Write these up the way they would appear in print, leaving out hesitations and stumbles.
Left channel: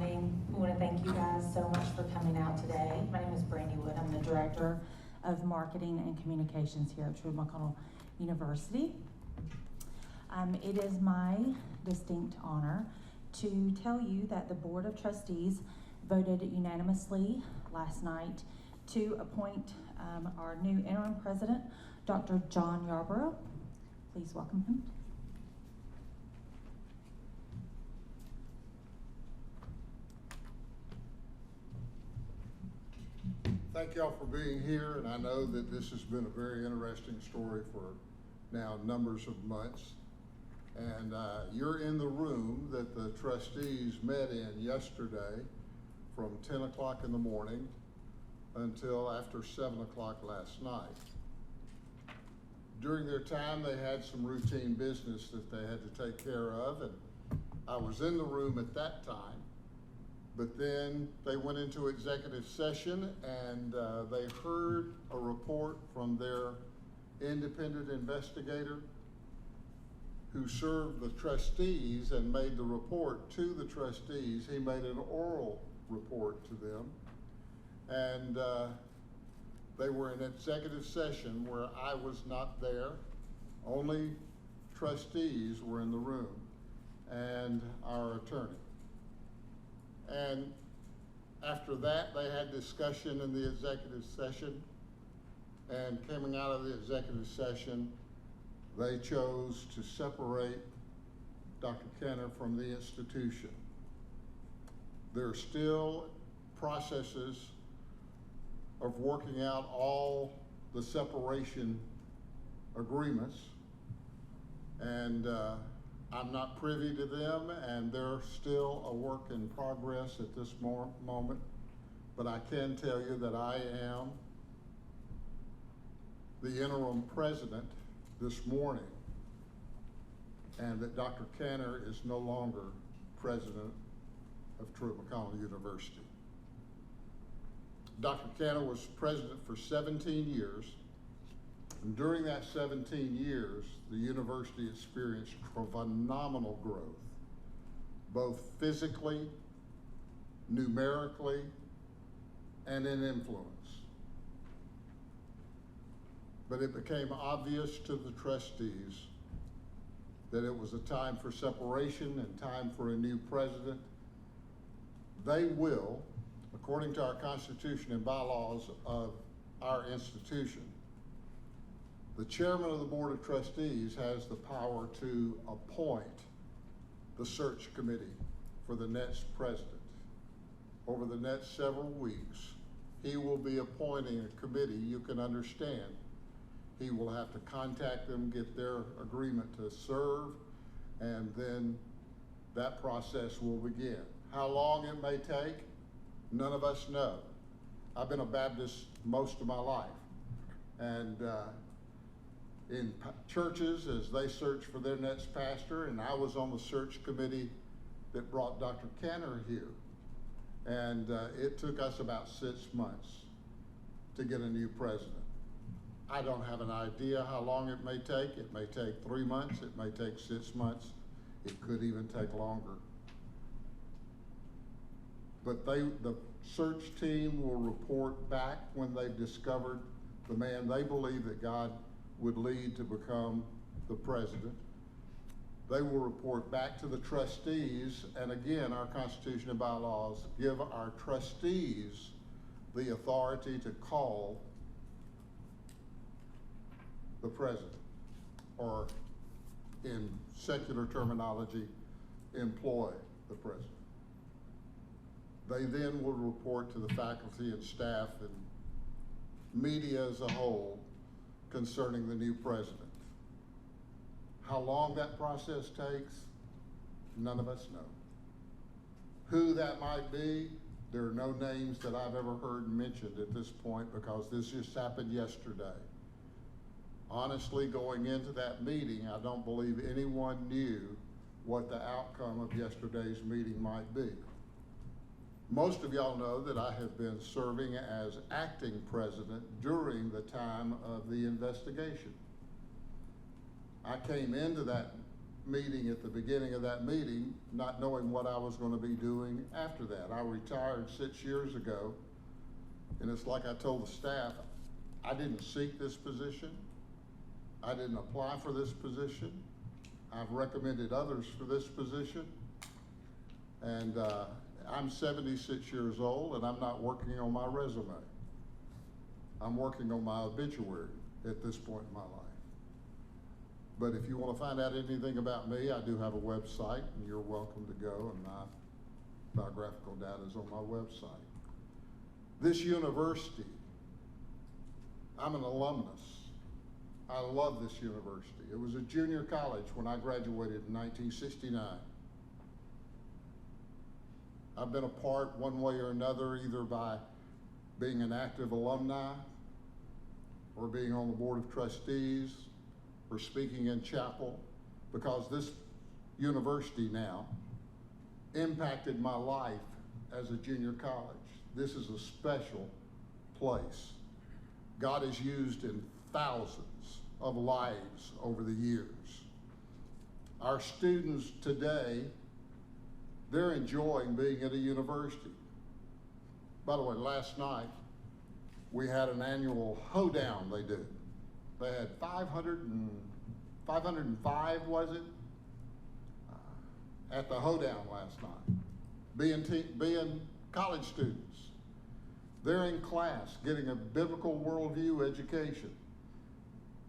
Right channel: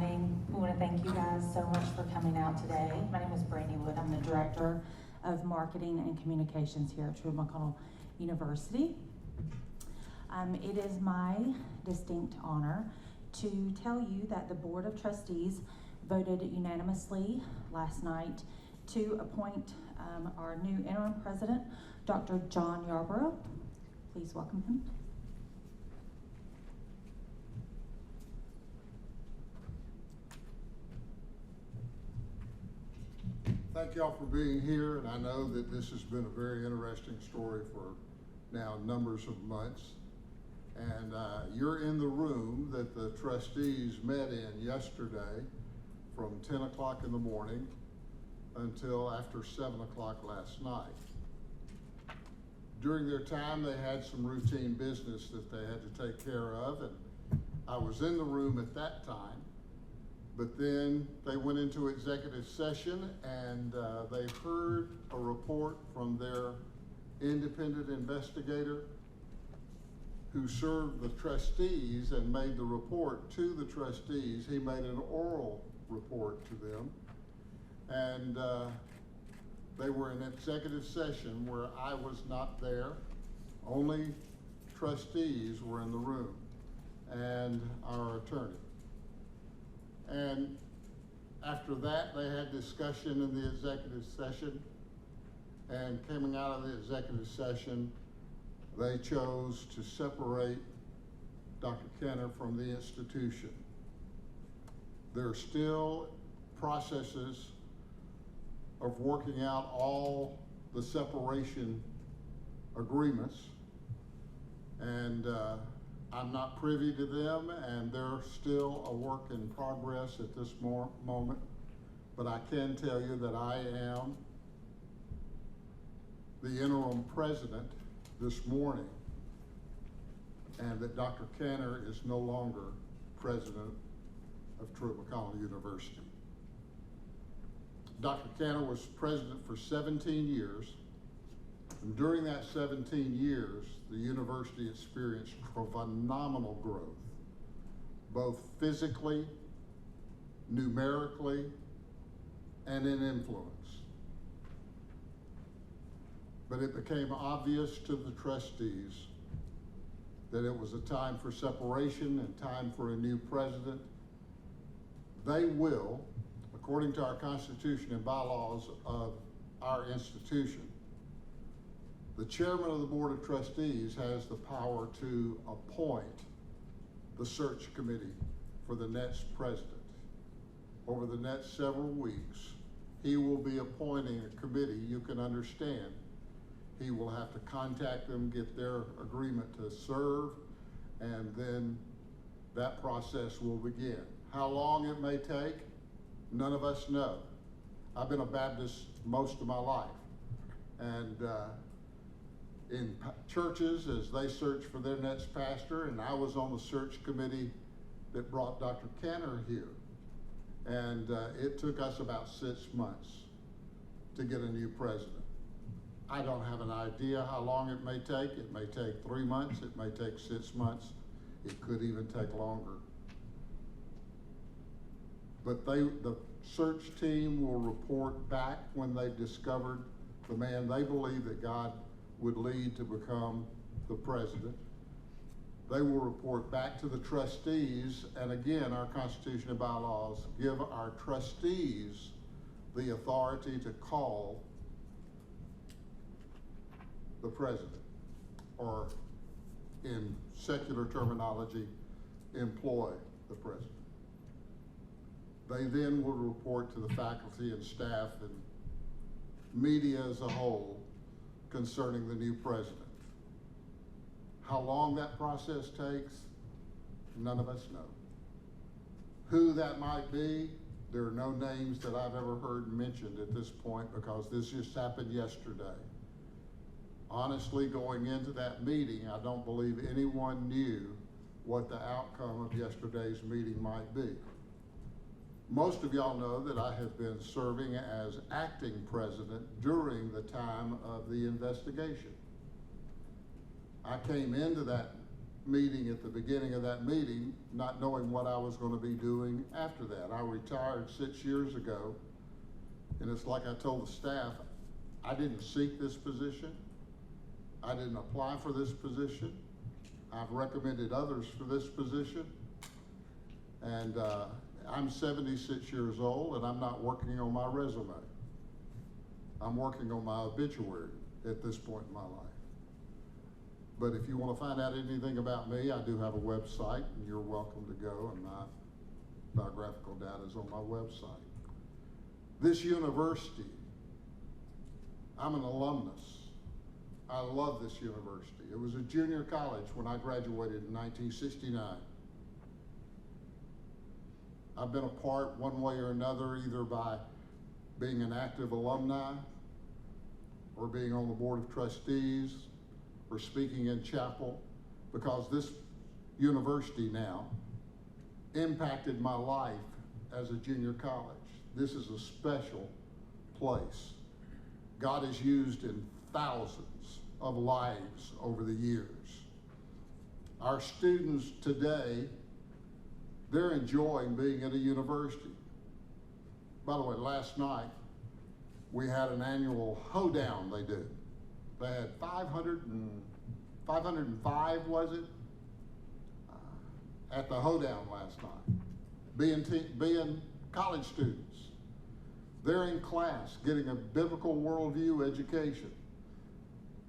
morning. We want to thank you guys so much for coming out today. My name is Brandy Wood. I'm the Director of Marketing and Communications here at Truett McConnell University. It is my distinct honor to tell you that the Board of Trustees voted unanimously last night to appoint our new interim president, Dr. John Yarborough. Please welcome him. Thank y'all for being here, and I know that this has been a very interesting story for now numbers of months. And you're in the room that the trustees met in yesterday from 10 o'clock in the morning until after 7 o'clock last night. During their time, they had some routine business that they had to take care of, and I was in the room at that time. But then they went into executive session and they heard a report from their independent investigator who served the trustees and made the report to the trustees. He made an oral report to them. And they were in executive session where I was not there. Only trustees were in the room and our attorney. And after that, they had discussion in the executive session, and coming out of the executive session, they chose to separate Dr. Caner from the institution. There are still processes of working out all the separation agreements, and I'm not privy to them, and they're still a work in progress at this moment. But I can tell you that I am the interim president this morning, and that Dr. Caner is no longer president of Truett McConnell University. Dr. Caner was president for 17 years. And during that 17 years, the university experienced phenomenal growth, both physically, numerically, and in influence. But it became obvious to the trustees that it was a time for separation and time for a new president. They will, according to our Constitution and bylaws of our institution, the chairman of the Board of Trustees has the power to appoint the search committee for the next president. Over the next several weeks, he will be appointing a committee. You can understand, he will have to contact them, get their agreement to serve, and then that process will begin. How long it may take, none of us know. I've been a Baptist most of my life, and in churches as they search for their next pastor, and I was on the search committee that brought Dr. Caner here. And it took us about 6 months to get a new president. I don't have an idea how long it may take. It may take 3 months, it may take 6 months, it could even take longer. But the search team will report back when they've discovered the man they believe that God would lead to become the president. They will report back to the trustees, and again, our Constitution and bylaws give our trustees the authority to call the president, or in secular terminology, employ the president. They then will report to the faculty and staff and media as a whole concerning the new president. How long that process takes, none of us know. Who that might be, there are no names that I've ever heard mentioned at this point, because this just happened yesterday. Honestly, going into that meeting, I don't believe anyone knew what the outcome of yesterday's meeting might be. Most of y'all know that I have been serving as acting president during the time of the investigation. I came into that meeting at the beginning of that meeting, not knowing what I was going to be doing after that. I retired 6 years ago, and it's like I told the staff, I didn't seek this position. I didn't apply for this position. I've recommended others for this position. And I'm 76 years old, and I'm not working on my resume. I'm working on my obituary at this point in my life. But if you want to find out anything about me, I do have a website, and you're welcome to go, and my biographical data is on my website. This university, I'm an alumnus. I love this university. It was a junior college when I graduated in 1969. I've been a part one way or another, either by being an active alumni or being on the board of trustees or speaking in chapel, because this university now impacted my life as a junior college. This is a special place. God has used in thousands of lives over the years. Our students today, they're enjoying being at a university. By the way, last night, we had an annual hoedown they did. They had 505, was it? At the hoedown last night, being college students. They're in class getting a biblical worldview education.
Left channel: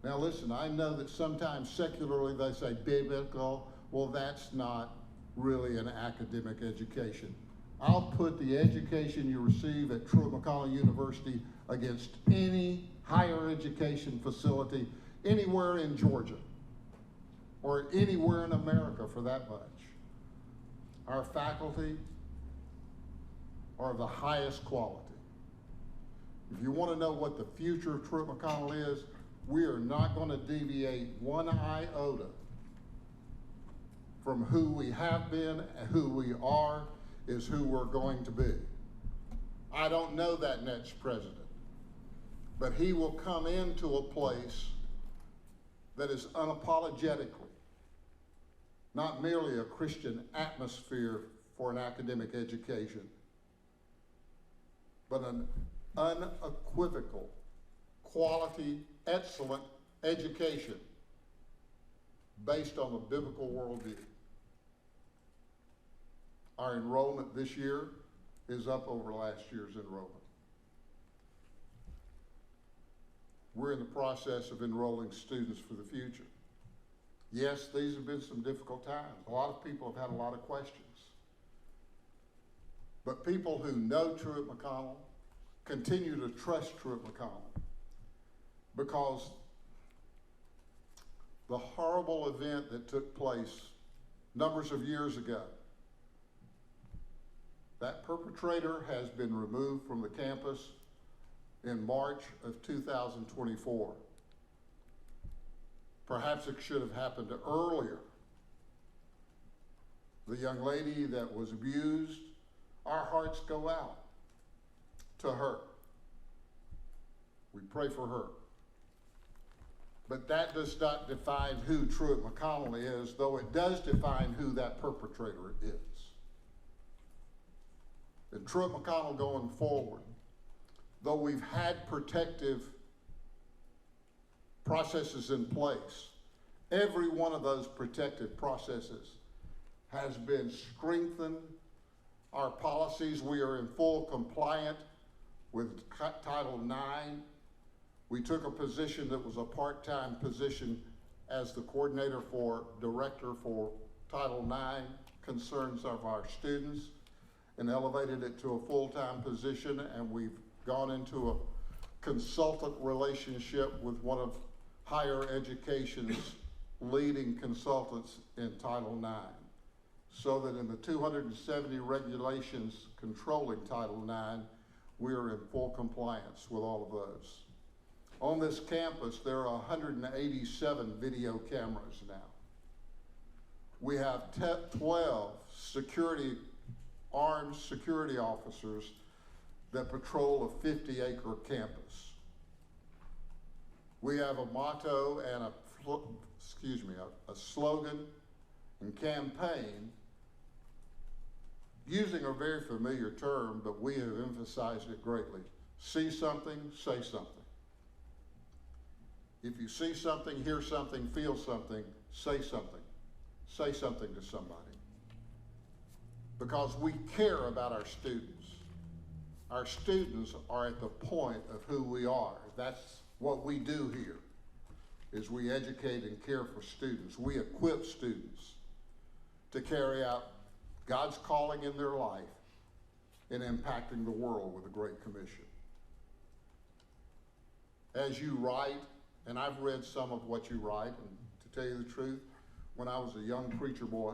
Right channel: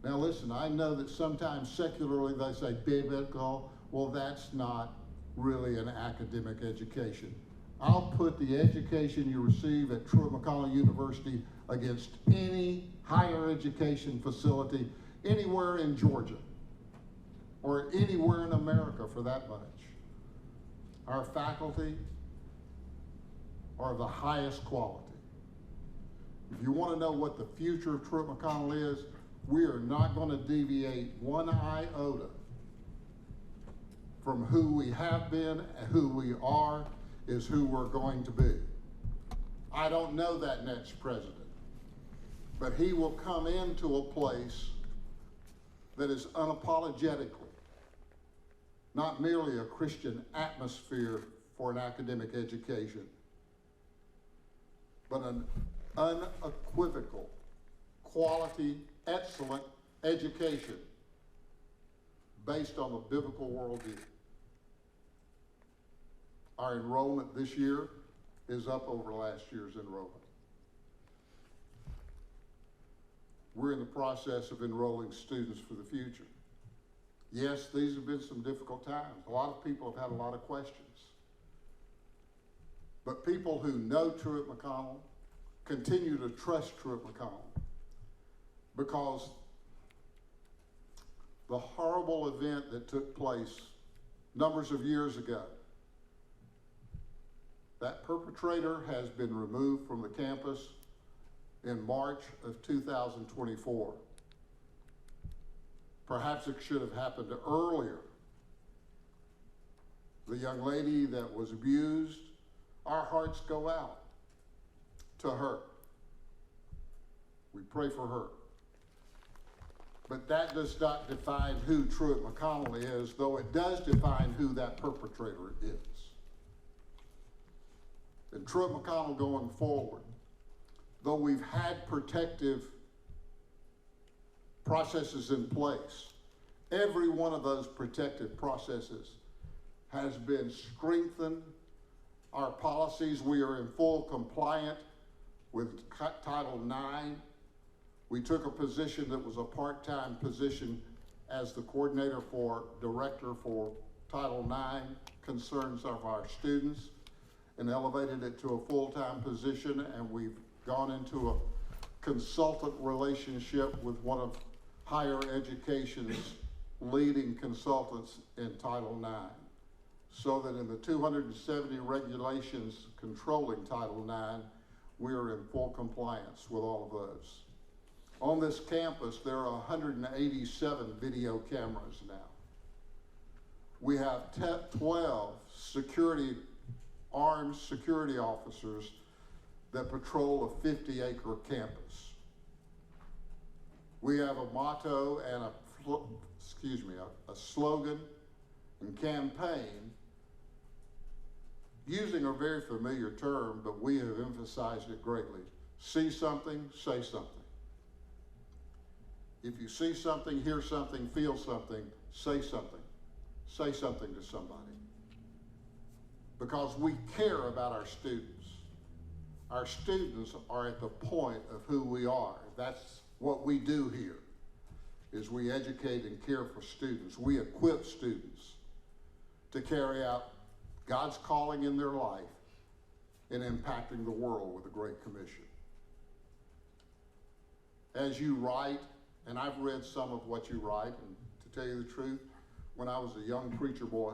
Now listen, I know that sometimes secularly they say biblical. Well, that's not really an academic education. I'll put the education you receive at Truett McConnell University against any higher education facility anywhere in Georgia or anywhere in America for that much. Our faculty are of the highest quality. If you want to know what the future of Truett McConnell is, we are not going to deviate one iota from who we have been and who we are is who we're going to be. I don't know that next president, but he will come into a place that is unapologetically not merely a Christian atmosphere for an academic education, but an unequivocal, quality, excellent education based on the biblical worldview. Our enrollment this year is up over last year's enrollment. We're in the process of enrolling students for the future. Yes, these have been some difficult times. A lot of people have had a lot of questions. But people who know Truett McConnell continue to trust Truett McConnell because the horrible event that took place numbers of years ago, that perpetrator has been removed from the campus in March of 2024. Perhaps it should have happened earlier. The young lady that was abused, our hearts go out to her. We pray for her. But that does not define who Truett McConnell is, though it does define who that perpetrator is. And Truett McConnell going forward, though we've had protective processes in place, every one of those protective processes has been strengthened. Our policies, we are in full compliance with Title IX. We took a position that was a part-time position as the coordinator for director for Title IX concerns of our students and elevated it to a full-time position, and we've gone into a consultant relationship with one of higher education's leading consultants in Title IX, so that in the 270 regulations controlling Title IX, we are in full compliance with all of those. On this campus, there are 187 video cameras now. We have 12 armed security officers that patrol a 50-acre campus. We have a motto and a slogan and campaign, using a very familiar term, but we have emphasized it greatly. See something, say something. If you see something, hear something, feel something, say something. Say something to somebody. Because we care about our students. Our students are at the point of who we are. That's what we do here, is we educate and care for students. We equip students to carry out God's calling in their life in impacting the world with the Great Commission. As you write, and I've read some of what you write, and to tell you the truth, when I was a young preacher boy,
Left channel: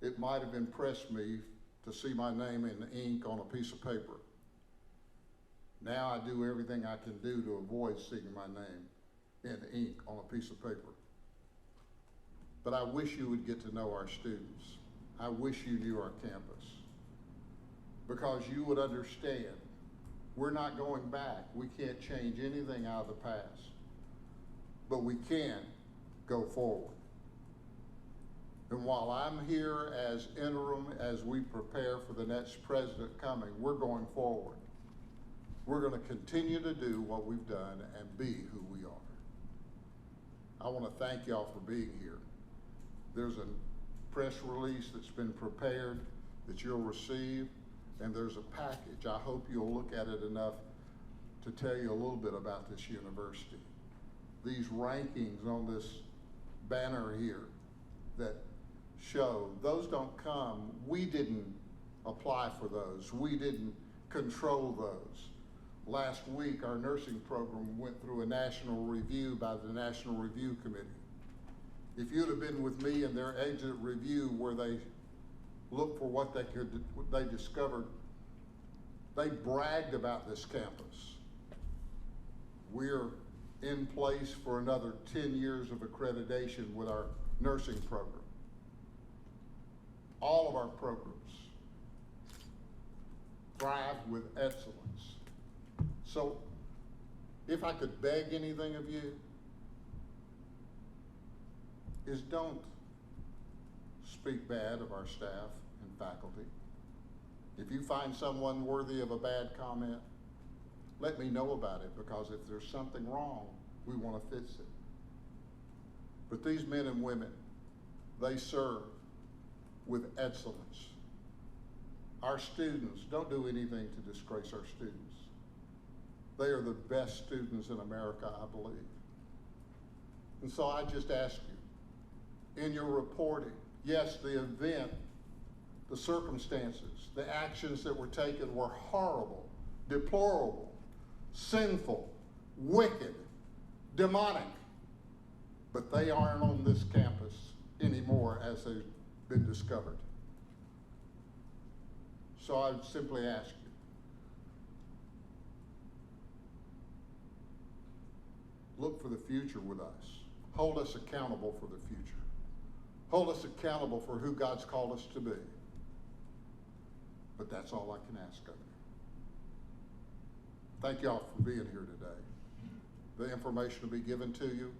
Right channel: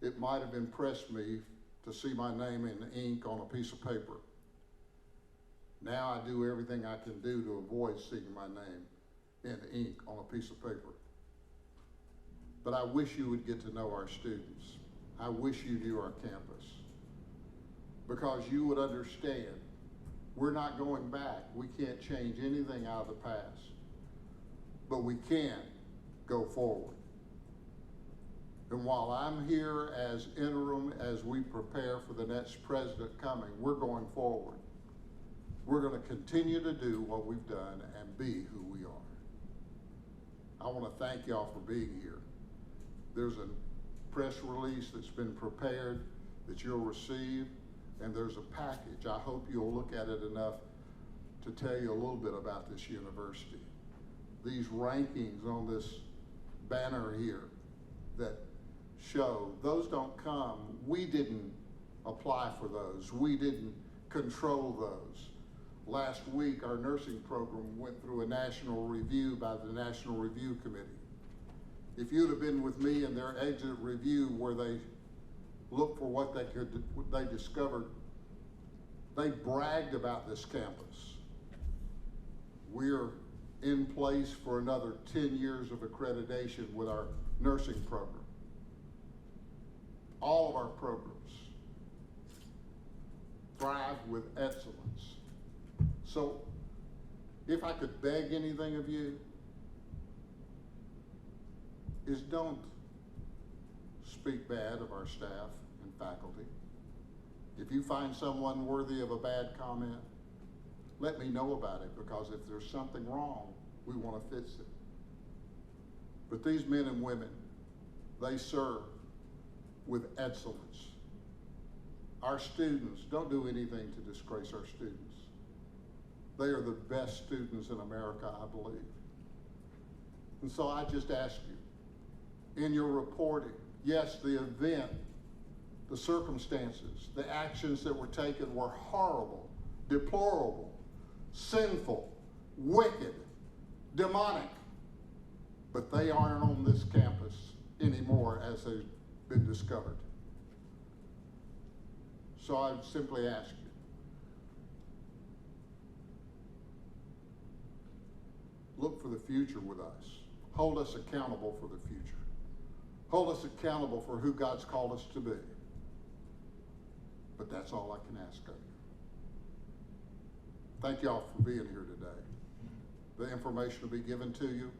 it might have impressed me to see my name in ink on a piece of paper. Now I do everything I can do to avoid seeing my name in ink on a piece of paper. But I wish you would get to know our students. I wish you knew our campus, because you would understand we're not going back. We can't change anything out of the past, but we can go forward. And while I'm here as interim, as we prepare for the next president coming, we're going forward. We're going to continue to do what we've done and be who we are. I want to thank y'all for being here. There's a press release that's been prepared that you'll receive, and there's a package. I hope you'll look at it enough to tell you a little bit about this university. These rankings on this banner here that show, those don't come, we didn't apply for those. We didn't control those. Last week, our nursing program went through a national review by the National Review Committee. If you'd have been with me in their exit review where they looked for what they discovered, they bragged about this campus. We're in place for another 10 years of accreditation with our nursing program. All of our programs thrive with excellence. So if I could beg anything of you, is don't speak bad of our staff and faculty. If you find someone worthy of a bad comment, let me know about it, because if there's something wrong, we want to fix it. But these men and women, they serve with excellence. Our students, don't do anything to disgrace our students. They are the best students in America, I believe. And so I just ask you, in your reporting, yes, the event, the circumstances, the actions that were taken were horrible, deplorable, sinful, wicked, demonic, but they aren't on this campus anymore as they've been discovered. So I would simply ask you, look for the future with us. Hold us accountable for the future. Hold us accountable for who God's called us to be. But that's all I can ask of you. Thank y'all for being here today. The information will be given to you.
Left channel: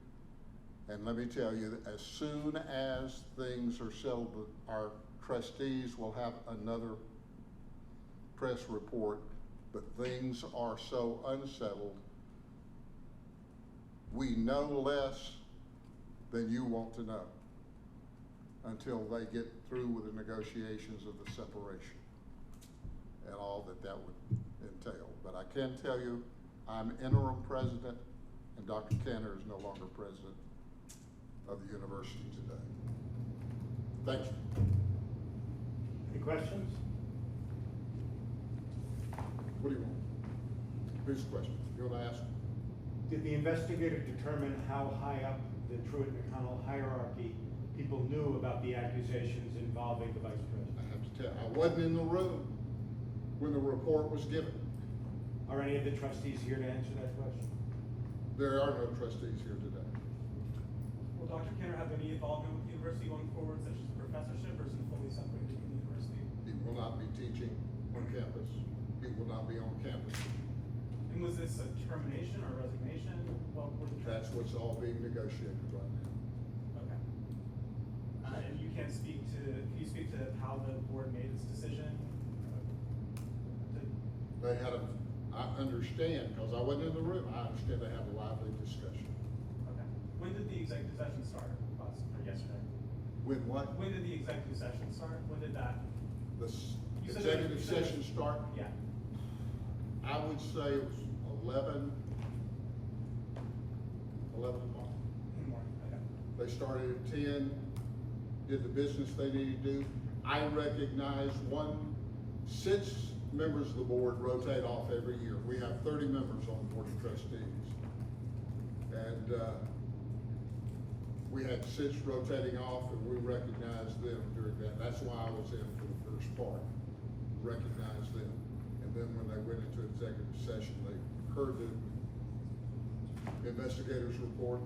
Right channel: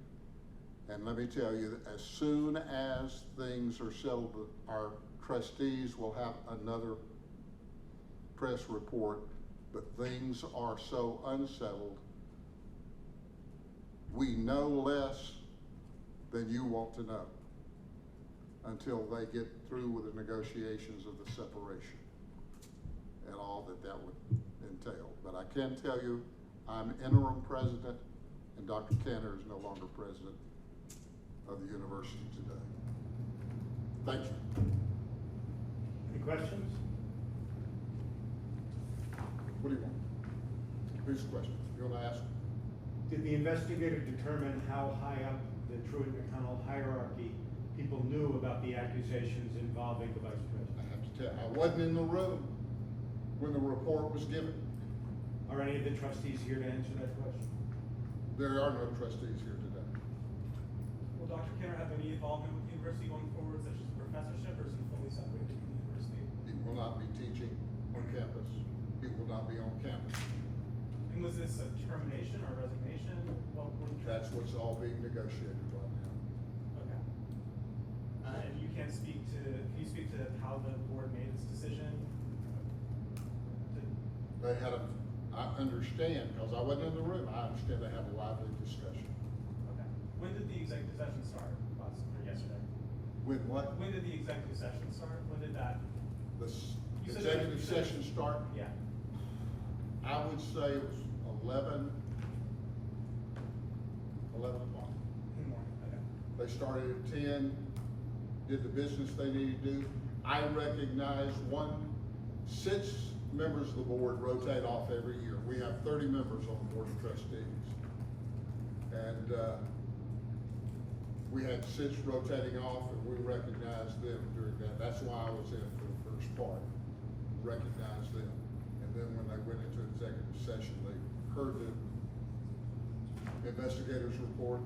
And let me tell you, that as soon as things are settled, our trustees will have another press report, but things are so unsettled, we know less than you want to know until they get through with the negotiations of the separation and all that that would entail. But I can tell you, I'm interim president, and Dr. Caner is no longer president of the university today. Thank you. Any questions? What do you want? Whose question? You want to ask? Did the investigator determine how high up the Truett McConnell hierarchy people knew about the accusations involving the vice president? I have to tell you, I wasn't in the room when the report was given. Are any of the trustees here to answer that question? There are no trustees here today. Will Dr. Caner have any involvement with the university going forward, such as professorship, or is he fully separated from the university? He will not be teaching on campus. He will not be on campus. And was this a termination or resignation? Well, That's what's all being negotiated right now. okay. And you can't speak to, can you speak to how the board made its decision? They had I understand, because I wasn't in the room, I understand they had a lively discussion. Okay. When did the executive session start, or yesterday? With what? When did the executive session start? When did that? The You said executive you said- session start? Yeah. I would say it was 11 o'clock. In the morning, okay. They started at 10, did the business they needed to do. I recognize since members of the board rotate off every year. We have 30 members on the board of trustees. And we had 6 rotating off, and we recognized them during that. That's why I was in for the first part, recognized them. And then when they went into executive session, they heard the investigators' report,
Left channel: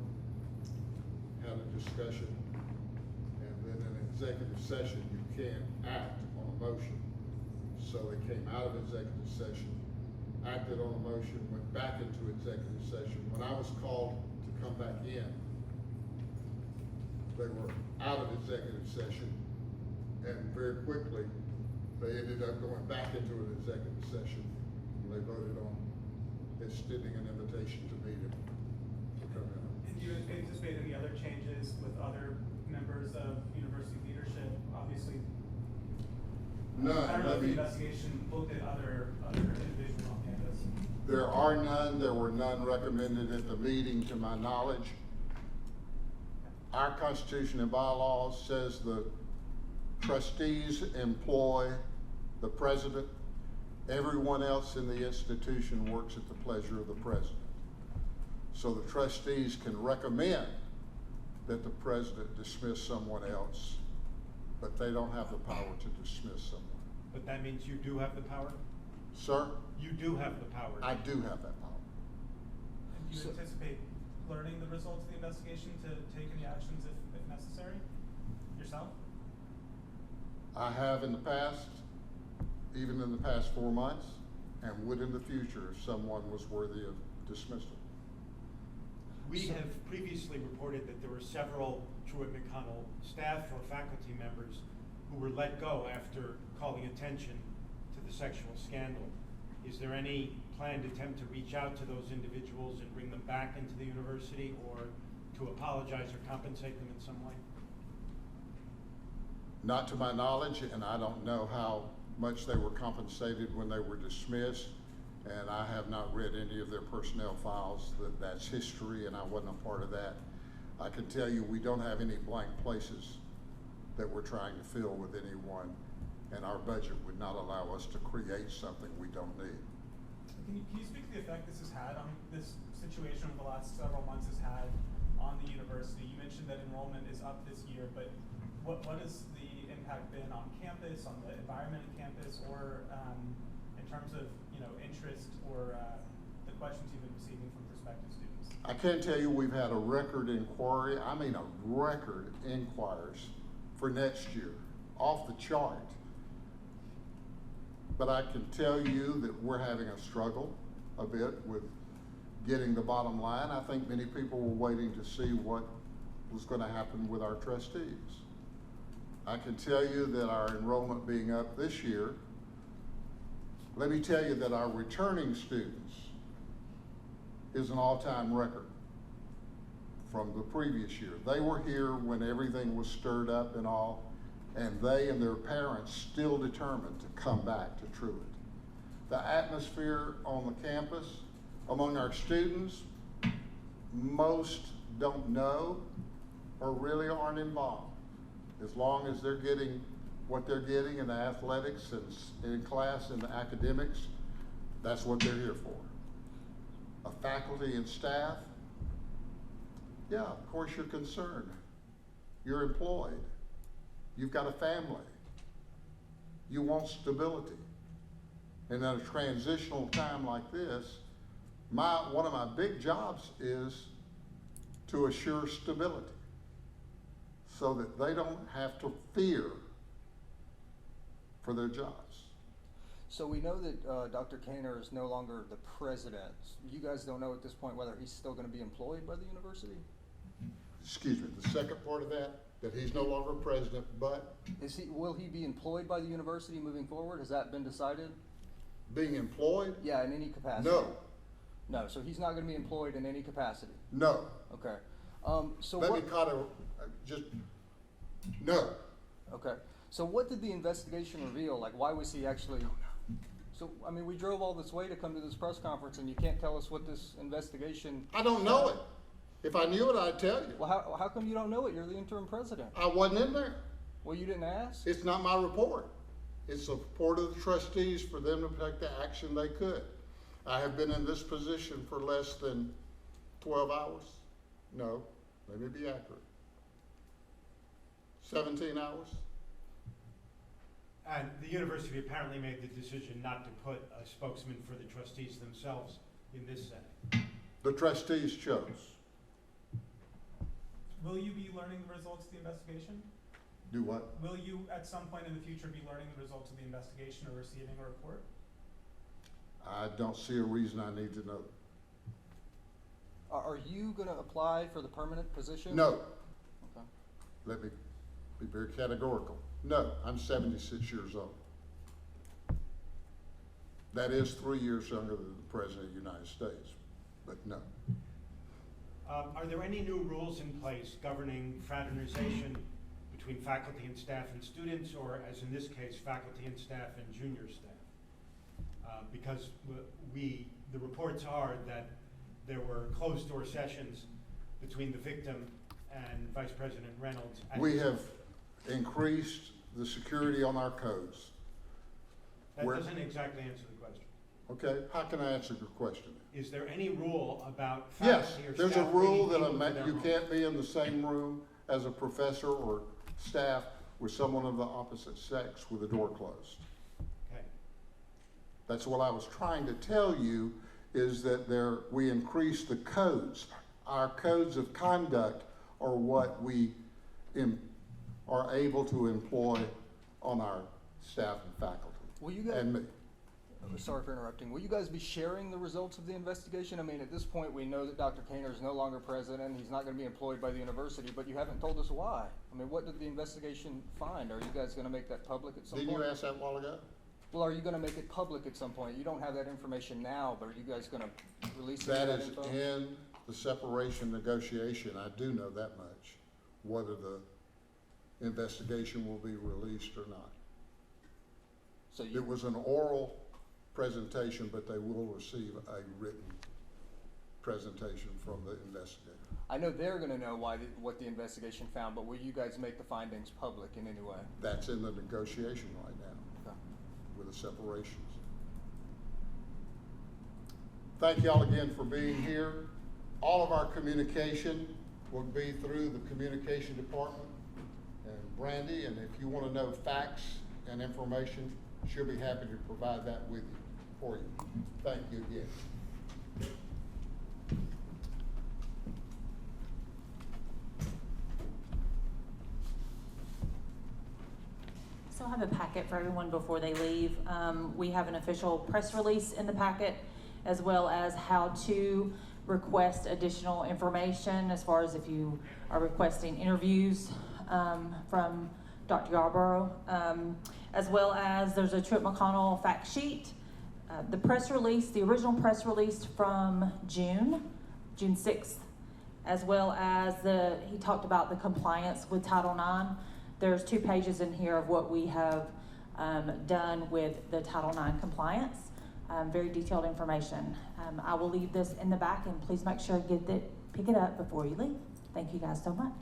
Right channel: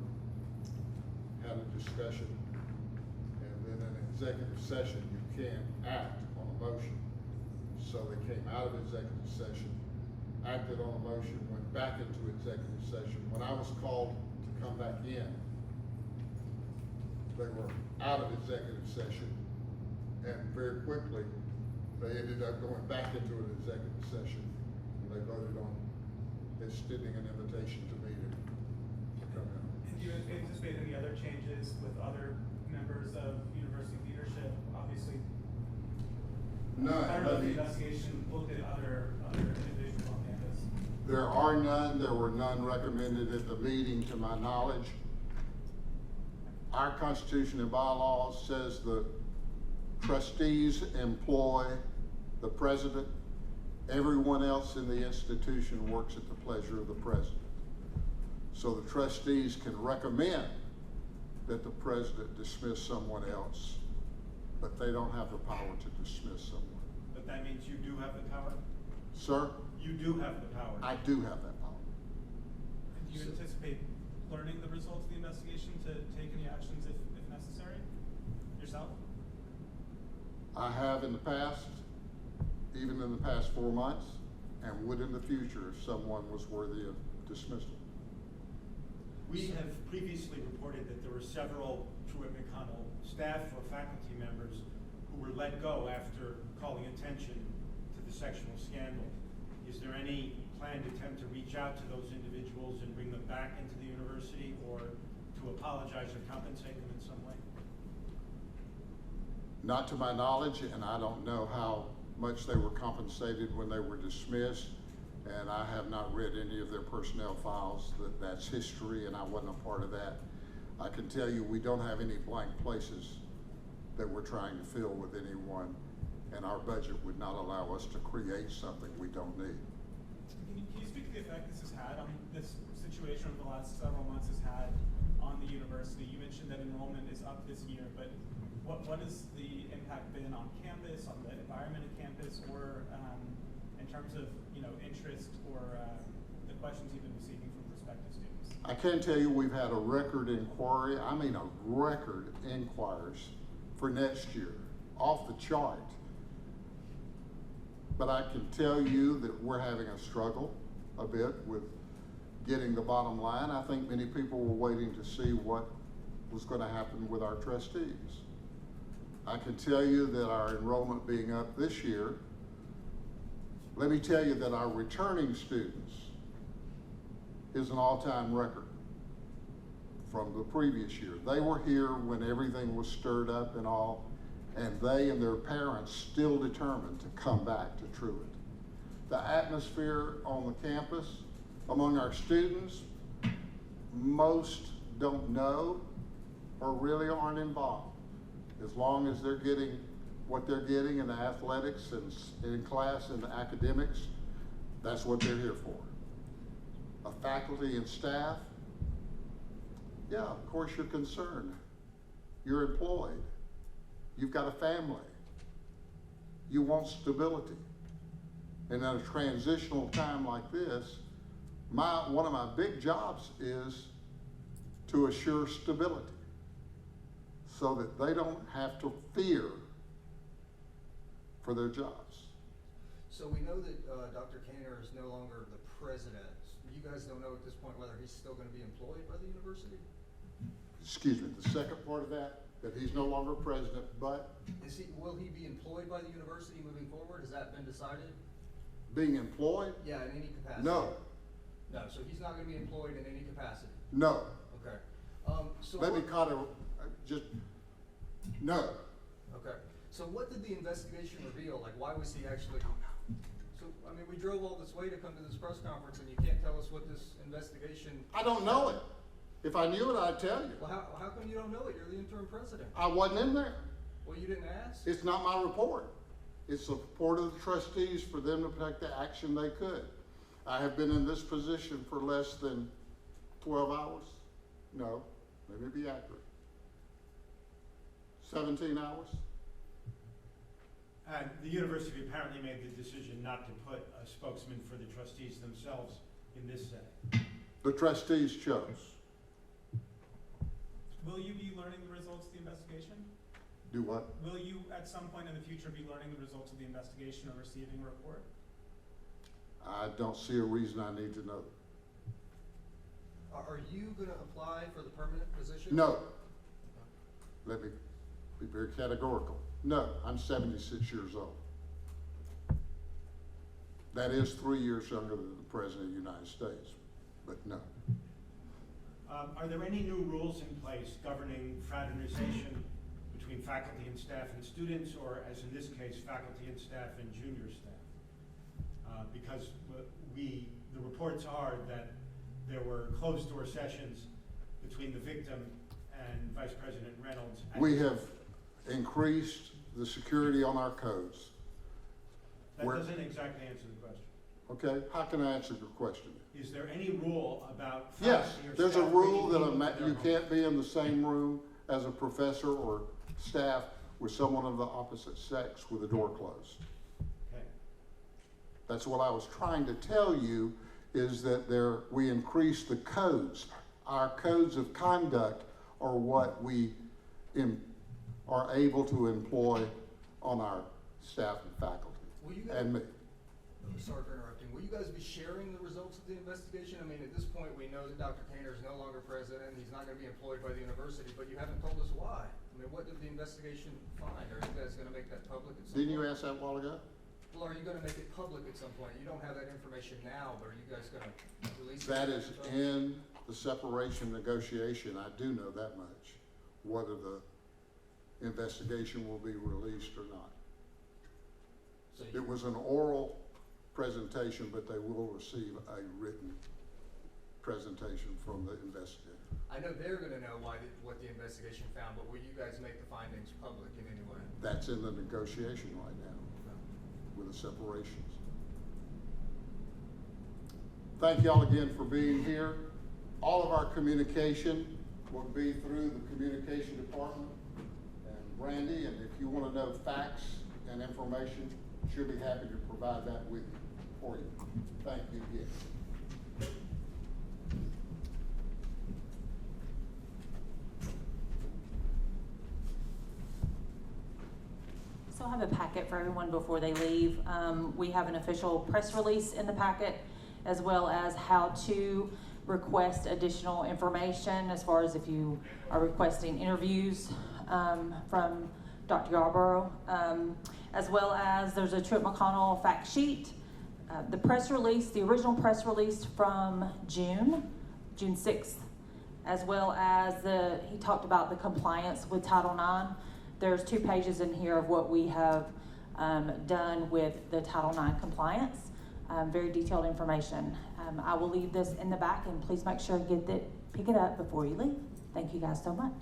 had a discussion, and then in executive session, you can't act on a motion. So they came out of executive session, acted on a motion, went back into executive session. When I was called to come back in, they were out of executive session, and very quickly, they ended up going back into an executive session, and they voted on extending an invitation to me to come in. And do you anticipate any other changes with other members of university leadership? Obviously, None. I don't know if the Let me- investigation looked at other individuals on campus. There are none. There were none recommended at the meeting, to my knowledge. Our Constitution and bylaws says the trustees employ the president. Everyone else in the institution works at the pleasure of the president. So the trustees can recommend that the president dismiss someone else, but they don't have the power to dismiss someone. But that means you do have the power? Sir, You do have the power. I do have that power. Do you anticipate learning the results of the investigation to take any actions if necessary, yourself? I have in the past, even in the past 4 months, and would in the future if someone was worthy of dismissal. We have previously reported that there were several Truett McConnell staff or faculty members who were let go after calling attention to the sexual scandal. Is there any planned attempt to reach out to those individuals and bring them back into the university, or to apologize or compensate them in some way? Not to my knowledge, and I don't know how much they were compensated when they were dismissed, and I have not read any of their personnel files. That's history, and I wasn't a part of that. I can tell you we don't have any blank places that we're trying to fill with anyone, and our budget would not allow us to create something we don't need. Can you speak to the effect this has had on this situation over the last several months has had on the university? You mentioned that enrollment is up this year, but what has the impact been on campus, on the environment of campus, or in terms of interest or the questions you've been receiving from prospective students? I can tell you we've had a record inquiry, I mean a record inquiries for next year, off the chart. But I can tell you that we're having a struggle a bit with getting the bottom line. I think many people were waiting to see what was going to happen with our trustees. I can tell you that our enrollment being up this year, let me tell you that our returning students is an all-time record from the previous year. They were here when everything was stirred up and all, and they and their parents still determined to come back to Truett. The atmosphere on the campus among our students, most don't know or really aren't involved. As long as they're getting what they're getting in the athletics and in class and the academics, that's what they're here for. A faculty and staff, yeah, of course you're concerned. You're employed. You've got a family. You want stability. And at a transitional time like this, one of my big jobs is to assure stability so that they don't have to fear for their jobs. So we know that Dr. Caner is no longer the president. You guys don't know at this point whether he's still going to be employed by the university? Excuse me, the second part of that? that he's no longer president, but Will he be employed by the university moving forward? Has that been decided? being employed, Yeah, in any capacity? no, No, so he's not gonna be employed in any capacity? no. Okay. So Let me what, kind of, just, no. okay, so what did the investigation reveal? Like, why was he actually? So, I mean, we drove all this way to come to this press conference and you can't tell us what this investigation? I don't know it. If I knew it, I'd tell you. Well, how come you don't know it? You're the interim president. I wasn't in there. Well, you didn't ask? It's not my report. It's the report of the trustees for them to take the action they could. I have been in this position for less than 12 hours. No, let me be accurate. 17 hours. And the university apparently made the decision not to put a spokesman for the trustees themselves in this setting. The trustees chose. Will you be learning the results of the investigation? Do what? Will you, at some point in the future, be learning the results of the investigation or receiving a report? I don't see a reason I need to know. Are you gonna apply for the permanent position? No. Okay. Let me be very categorical. No, I'm 76 years old. That is 3 years younger than the President of the United States, but no. Are there any new rules in place governing fraternization between faculty and staff and students, or as in this case, faculty and staff and junior staff? Because the reports are that there were closed-door sessions between the victim and Vice President Reynolds. We have increased the security on our codes. That Where- doesn't exactly answer the question. Okay, how can I answer your question? Is there any rule about Yes, faculty or there's a staff rule that bringing people to their you homes? can't be in the same room as a professor or staff with someone of the opposite sex with the door closed. Okay. That's what I was trying to tell you, is that we increased the codes. Our codes of conduct are what we are able to employ on our staff and faculty, Will you guys? and me. Sorry for interrupting. Will you guys be sharing the results of the investigation? I mean, at this point, we know that Dr. Caner is no longer president. He's not going to be employed by the university, but you haven't told us why. I mean, what did the investigation find? Are you guys going to make that public at some point? Didn't you ask that a while ago? Well, are you going to make it public at some point? You don't have that information now, but are you guys going to release it? That is in the separation negotiation. I do know that much, whether the investigation will be released or not. So It was an oral presentation, but they will receive a written presentation from the investigator. I know they're going to know what the investigation found, but will you guys make the findings public in any way? That's in the negotiation right now with the separations. Thank y'all again for being here. All of our communication will be through the communication department and Brandy, and if you want to know facts and information, she'll be happy to provide that with you, for you. Thank you again. So I have a packet for everyone before they leave. We have an official press release in the packet, as well as how to request additional information as far as if you are requesting interviews from Dr. Yarborough, as well as there's a Truett McConnell fact sheet. The press release, the original press release from June 6th, as well as he talked about the compliance with Title IX. There's 2 pages in here of what we have done with the Title IX compliance. Very detailed information. I will leave this in the back, and please make sure you pick it up before you leave. Thank you guys so much.